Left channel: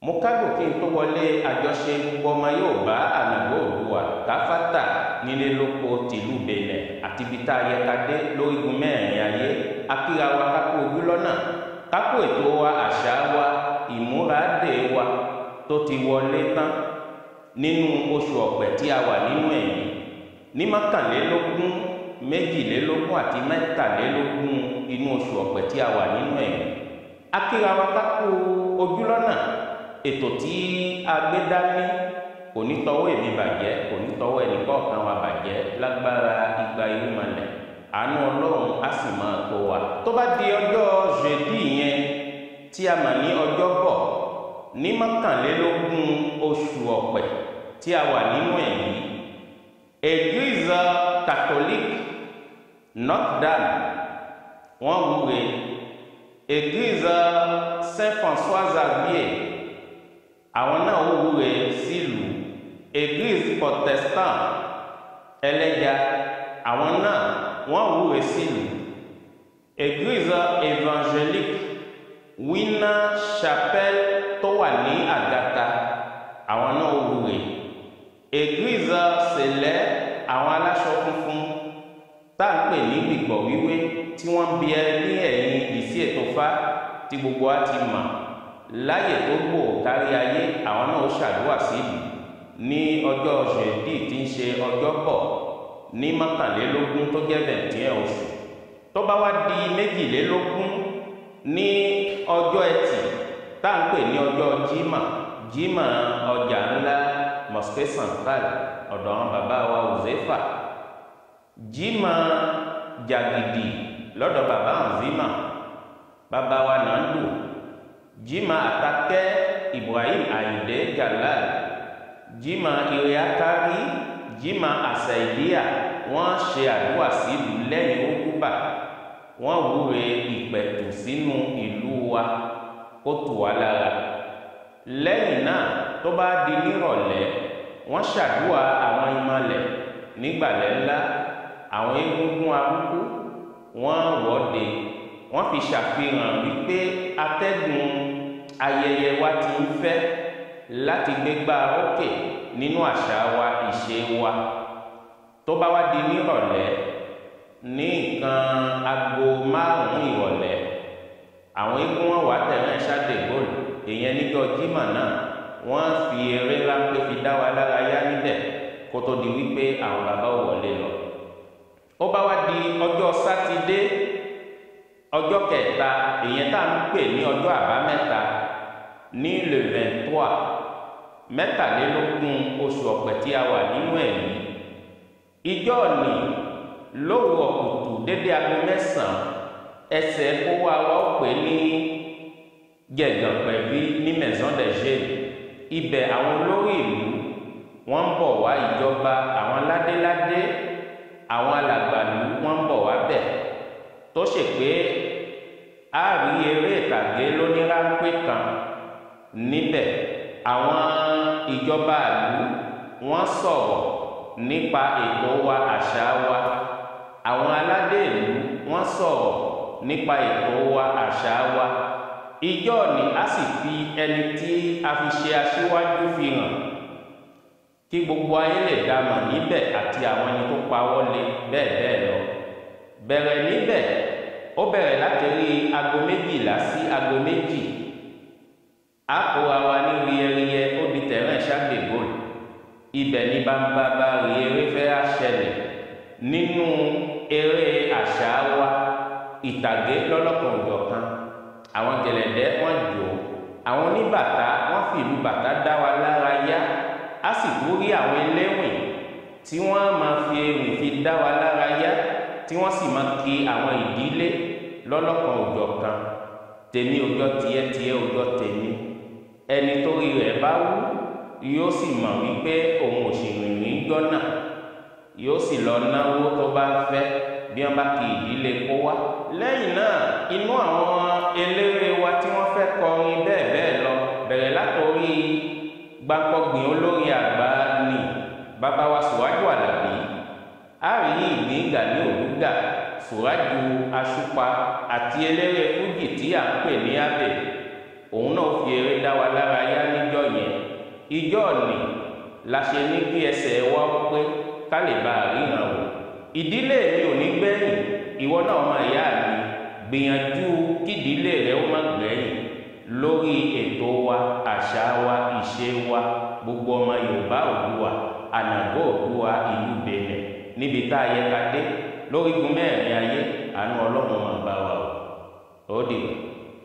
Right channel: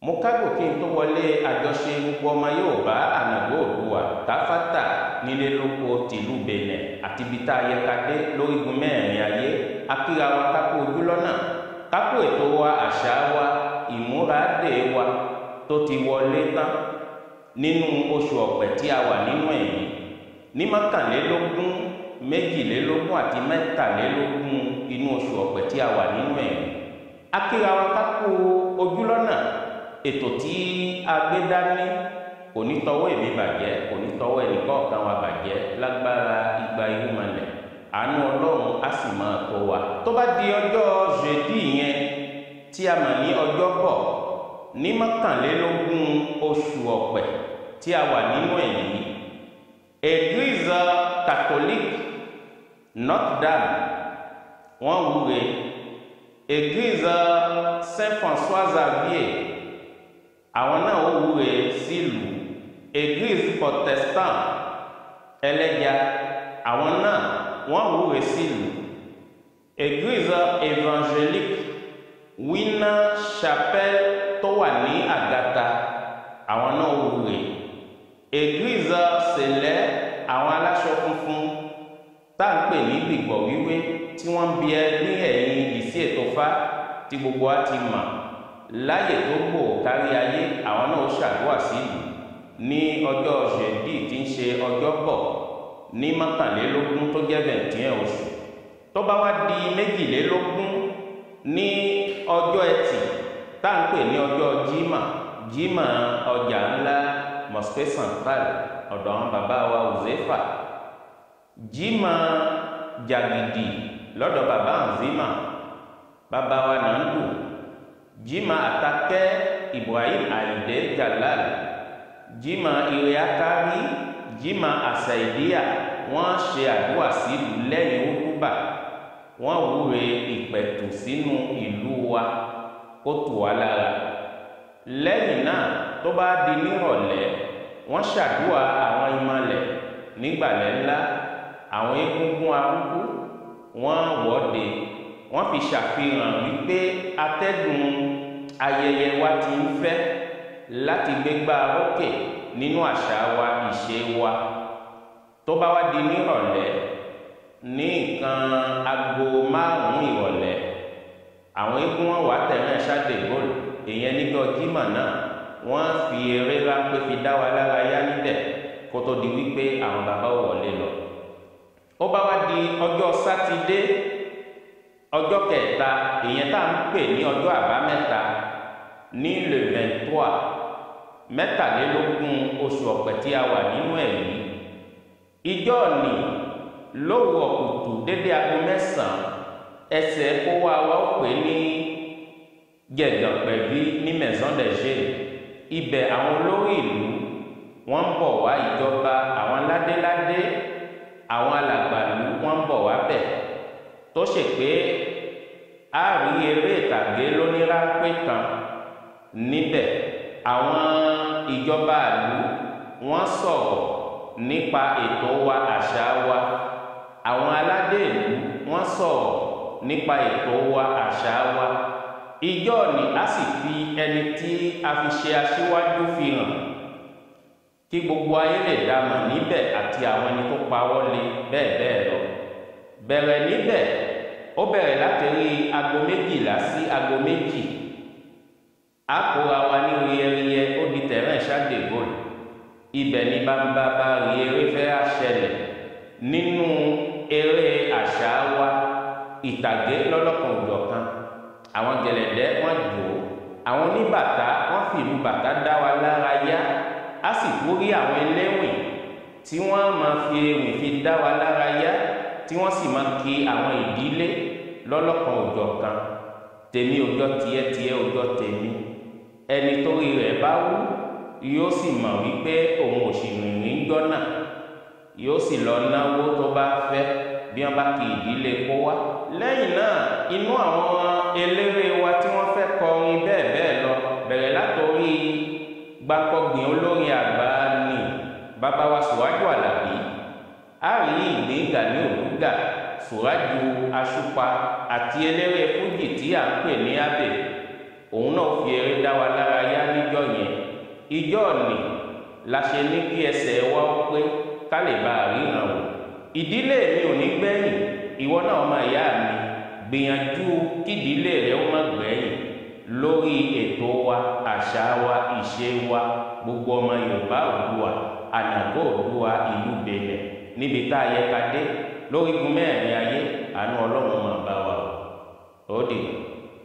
mo kágò kí n tó wọlé àjọṣe gbogbo ọmọ Yorùbá ànàgbó Oòduà káfátà nílé lóko tìlú Bẹ̀nẹ̀ àti ibi tá a yẹ ká dé lórígun mẹ́rin ayé akíra wa kákó ojú lọ́nà kákó ètò wa àṣà wa ìmúradé wa tó ti wọlé tán nínú oṣù ọ̀pẹ̀ tí a wà nínú ẹ̀yìn ní mọ́kànlélógún méjìlélógún àti mẹ́tàlélógún inú oṣù ọ̀pẹ̀ tí a wà nínú ẹ̀yìn akíra wa kákó ojú lọ́nà ètò tí a gbé dání kò ní tọwọ́ èmi bàjẹ́ kò ní tọwọ́ ẹnìkọ̀ọ̀kan wa bàjẹ́ lágbára igba irúnmọlẹ̀ àánú Ọlọ́run á sì máa tó wa. tó bá di ọjọ́ jeudi yẹn tí a mọ̀ ní Ọjọ́bọ̀ ní mọ́kànlélógún oṣù ọ̀pẹ̀ tí a wà nínú ẹ̀ yìí Église catholique Notre-Dame wọ́n wúre Église Saint-François Xavier àwọn náà ó wúre sílùú Église protestant ẹlẹ́ja àwọn náà wọ́n wúre sílùú Église évangélique Winner Chapelle tó wà ní Àgàtà àwọn náà ó wúre Église Céleste àwọn aláṣọ funfun tá à ń pè ní gbìgbọ̀ wíwé tí wọ́n ń bí ẹ ní ẹ̀yìn ìdìsí ètò fá tí gbogbo wa ti mọ̀ láyè tó gbòò kárí ayé àwọn náà ó ṣàdúrà sílùú ní ọjọ́ jeudi tí ń ṣe Ọjọ́bọ̀ ní mọ́kànlélógún tó jẹ́ 21 oṣù tó bá wá di méjìlélógún ní ọjọ́ ẹtì tá à ń pè ní ọjọ́ jímà ọjà ńlá mosquée centrale ọ̀dọ̀ àwọn bàbá wa Uzefa jímà jàgìdì lọ́dọ̀ bàbá Nzima bàbá wa Nandu jímà àtàkẹ́ Ibrahim Ayinde Jalal jímà iriakari jímà àṣàìdíà wọ́n ṣe àdúrà sílùú lẹ́yìn òtúbà wọ́n wúre ìpẹ̀tù sínú ìlú wa kó tù wá lára lẹ́yìn náà tó bá di nírọ̀lẹ́ wọ́n ṣàdúrà àwọn ìmọ̀lẹ̀ nígbàlẹ̀ ńlá àwọn egungun arúgbó wọ́n wọ́de wọ́n fi ṣàfihàn wípé atẹ́gùn ayẹyẹ wa ti ń fẹ́ láti gbégbá rókè nínú àṣà wa ìṣe wa tó bá wá di nírọ̀lẹ́ ní nǹkan aago 5 ìrọ̀lẹ́ àwọn eégún wọn wà tẹ̀rán ṣáde góòlù èèyàn níjọ́ jímọ̀ náà wọ́n fi eré ráńpẹ́ fi dá wa lára yá níbẹ̀ kó tó di wípé àwọn bàbá ò wọlé lọ. ó bá wá di ọjọ́ sátidé ọjọ́ kẹta èèyàn tá à ń pè ní ọjọ́ àbámẹ́ta ní le 23 mẹ́tàlélógún oṣù ọ̀pẹ̀ tí a wà nínú ẹ̀ yìí ìjọ ni lówùúrọ̀ kùtù dédé aago 9 ẹsẹ̀ kó wá ó pè ní gẹ̀gàn pẹ̀bí ní maison de jeunes ibẹ̀ àwọn olórí ìlú wọ́n ń bọ̀ wá ìjọba àwọn ládéládé àwọn alàgbàlú wọ́n ń bọ̀ wá bẹ̀ tó ṣe pé a rí eré ìtàgé lóníráńpẹ́ kan níbẹ̀ àwọn ìjọba ìlú wọ́n sọ̀rọ̀ nípa ètò wa àṣà wa àwọn aládé ìlú wọ́n sọ̀rọ̀ nípa ètò wa àṣà wa ìjọ ni a sì fi ẹni tí a fi ṣe aṣíwájú fi hàn kí gbogbo ayé lè dámọ̀ níbẹ̀ àti àwọn ẹni tó pawọ́ lé bẹ́ẹ̀ bẹ́ẹ̀ lọ bẹ̀rẹ̀ níbẹ̀ ó bẹ̀rẹ̀ láti rí aago 12 sí aago 2 a kóra wa ní riyẹriyẹ ó di tẹ̀rán ṣáde góòlù ibẹ̀ ní bámbá bá rí eré fẹ́ àṣẹlẹ̀ nínú eré àṣà wa ìtàgé lọ́lọ́kan òjọ̀kan àwọn gẹ̀lẹ̀dẹ́ wọ́n jò ó àwọn oníbàtà wọ́n fi ìlú bàtà dá wa lára yá a sì tún rí àwọn eléwìn tí wọ́n máa fi ewìn fi dá wa lára yá tí wọ́n sì máa kí àwọn ìdílé lọ́lọ́kan òjọ̀kan tèmi òjọ́ tiẹ̀ tiẹ̀ òjọ́ tèmi ẹni torí rẹ̀ bá wú yóò sì mọ̀ wípé òun ò sì rìnrìn jọ́nà yóò sì lọ náwó tó bá fẹ́ bí wọ́n bá kí ìdílé kó wá lẹ́yìn náà inú àwọn eléré wa tí wọ́n fẹ́ kọrin bẹ́ẹ̀ bẹ́ẹ̀ lọ bẹ̀rẹ̀ látòrí gbàǹkọ̀gbìn olórin àgbà ni bàbá wa Sùrájù Àlàbí a rí ìgbín Gani Òdúgà Sùrájù Àṣùpá àti eléré fújì tí à ń pè ní Abbey òun náà fi eré dá wa lára yá ní ìjọ yẹn ìjọ ni la ṣe ní kí ẹsẹ̀ wa pé ká lè bá a ríran wò. ìdílé mi ò ní gbẹ̀yìn, ìwọ náà ọmọ ìyá mi gbìyànjú kídìílé rẹ ó má gbẹ̀yìn lórí ètò wa, àṣà wa, ìṣe wa, gbogbo ọmọ Yorùbá Oòduà, ànàgọ́ Oòduà ìlú Benin níbi tá a yẹ ká dé lórígun mẹ́rin ayé. Àánú Ọlọ́run máa bá wa o. Ó dìgbà.